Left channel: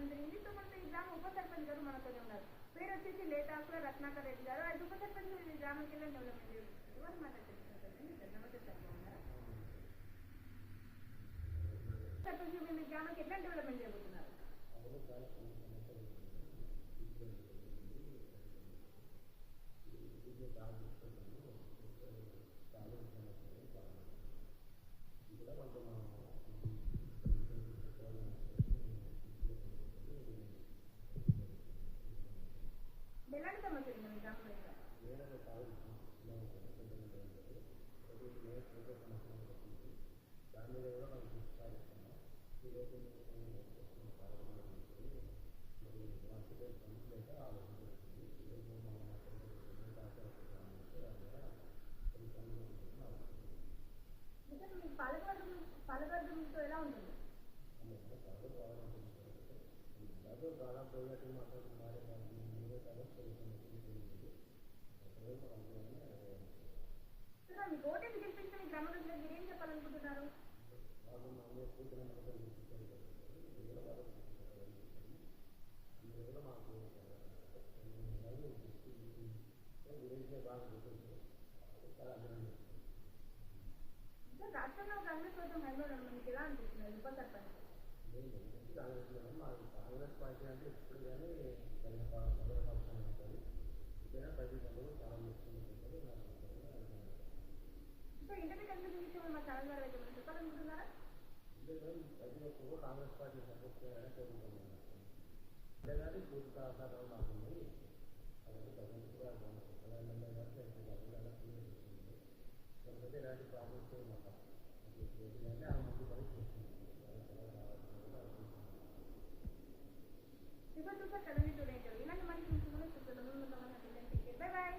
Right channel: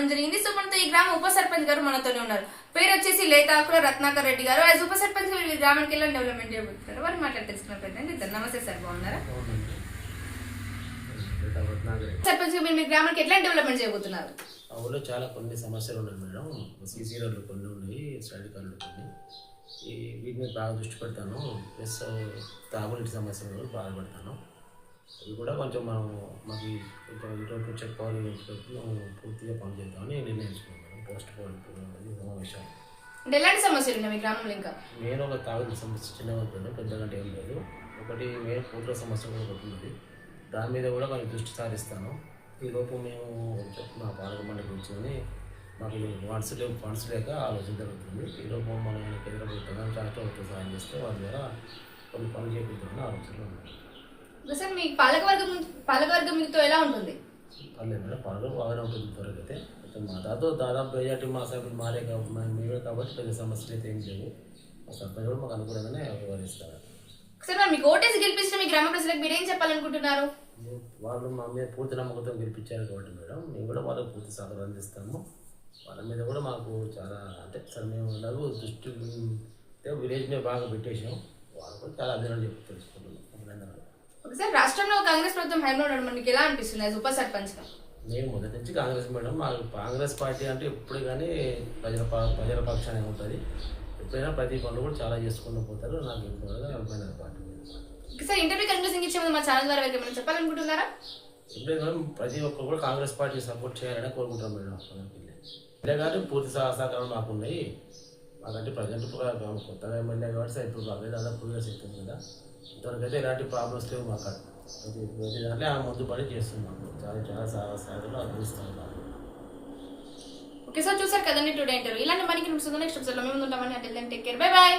మనం జరిగింది. సో మన ఈ గ్రామం ఉపసర్పంచ్ గారు మనతోనే ఉన్నారు. పేరు వచ్చేసి లేతాకుల రత్నాకర్ రెడ్డి గారు. యాజ్ ఉప సర్పంచ్ వీళ్ళు గ్రామానికి వెళ్ళి డెవలప్మెంట్ చేయబోతున్నారు. వారు మాట్లాడి తెలుసుకున్న ప్రయత్నం చేద్దాం నమస్తే సార్ బాగున్నారా? సర్పంచ్ మీరు మీ గ్రామానికి ఎట్లా డెవలప్మెంట్ చేయబోతున్నారు? ఊళ్ళో చాలా కొన్ని సమస్యలు ఉన్నాయి మేడం. సీసీ రోడ్లు కొన్ని ఉన్నాయి స్టడీ కార్డులు కొన్ని. ఈ వీటి మీద బాగా దృష్టి పెడతాను. ప్లస్ తాగునీటి సమస్యలు కూడా ఇవి కూడా కొంచెం మనం మాకు కొంచెం ఇటువంటి చెక్ పవర్ పూర్తిగా పనిచేద్దామని నిర్ణయించుకున్నాను మేడం. పోస్ట్ అది సమావేశం అంటే ఎలాంటి సమస్యలు ఉన్నాయి మీ గ్రామంలో ఇంకా? మెయిన్ ఒక తాగునీటి సమస్య చిన్నగా ఉంటుంది పెద్దగా ఏం లేదు. ఒకటి మెయిన్ పూర్తుల సమస్య కూడా ఒకటి ఉన్నది దాని మీద కూడా కొంచెం దృష్టి సారిస్తాను. ఈ లోపు మేము మా పాలక మండలి కూర్చొని మాకు ఫండ్స్ లేవు ఫండ్స్ లేక ఆలోచన జరుగుతుంది. ఈ లోపు మనం కేంద్ర ప్రభుత్వం రాష్ట్ర సాయం చేస్తే వాళ్ళ ద్వారా కొన్ని పనులు చేపిద్దామని ఆలోచనలు ఉన్నాయి సార్ మీ పాలకవర్గం పాలకవర్గం మీతో ఎలా ఉంటుంది? పర్లేదు మేడం పనులు బాగానే ఉంటుంది అయితే కొంచెం మా దాదాపు దాదాపు మెజార్టీ మా సభ్యులు మారే కాబట్టి మేమే కాబట్టి పెద్ద సమస్యలు అయితే ఏం లేవు. మా సర్పంచ్ కూడా మాకు అనుకూలంగానే వ్యవహరిస్తారు. సార్ మరి మీకు ఓటేసి గెలిపించిన మీ గ్రామ ప్రజలకు మీరు ఏం చెప్పాలనుకుంటున్నారు వాళ్ళు మా మీద పూర్తి నమ్మకంతో గెలిపించారు కాబట్టి మేడం మేము కూడా వాళ్ళకి పూర్తి సహకారం అందిస్తాము. వాళ్ళ మీద కూడా మాకు చాలా అంటే సరే మేము ఎలాగో దృష్టి విలేజ్ మీద బాగా పెట్టేసాం వాళ్ళు కూడా చాలా అభినందన చెప్పి తెలుసుకుంటున్నాం. అభినందనలు ఓకే సార్ రాష్ట్రంలో కాంగ్రెస్ ప్రభుత్వం హైలో ఉండడం మనకి ఎలా అనిపిస్తుంది? యాజ్ ఉప సర్పంచ్ మేము మొదటి నుంచి కాంగ్రెస్ మేడం మాకు కాంగ్రెస్ పార్టీ అంటే ఎప్పుడు కానీ ప్రజల ప్రజల పక్షానే ఉంటుంది. ఎప్పుడైనా ప్రతి పనులు కూడా చాలా చేసుకుంటూ పోతారు. నాకు అభిప్రాయం పార్టీ సార్ ఇంటర్వ్యూ కన్క్లూజన్ ఇచ్చే ముందు మా ఛానల్ ద్వారా ఏమైనా చెప్పాలనుకుంటున్నారా? మేడం ప్రతి ఒక్కరు కూడా కాంగ్రెస్ పార్టీ సపోర్ట్ చేయాలని కోరుకుంటాం మేడం. ఇదే కానీ పూర్తి సహ- సహకారం మాకు ఉన్నాయి మాకంటే ప్రజెంట్ కొత్తగా ఎమ్మెల్యే కాబట్టి సార్ ఇప్పుడు మాకు దాదాపు టూ ఇయర్స్ అవుతుంది కదా. ఇంతవరకు అయితే ఎలాంటి ప్రాబ్లమ్స్ లేవు మాకు అక్కడ. ప్రతి ప్రతి దాంట్లో ఆ ముందు పని చేస్తున్నాము చాలా చాలా సహ సహాయాలు అందిస్తాం ఓకే సార్ చూసారు కదండి టుడే ఇంటర్వ్యూ. ఇలాంటి మనకి నెక్స్ట్ ఎపిసోడ్లో మేము ఉంటామని అంటే టేక్ కేర్ బై బాయ్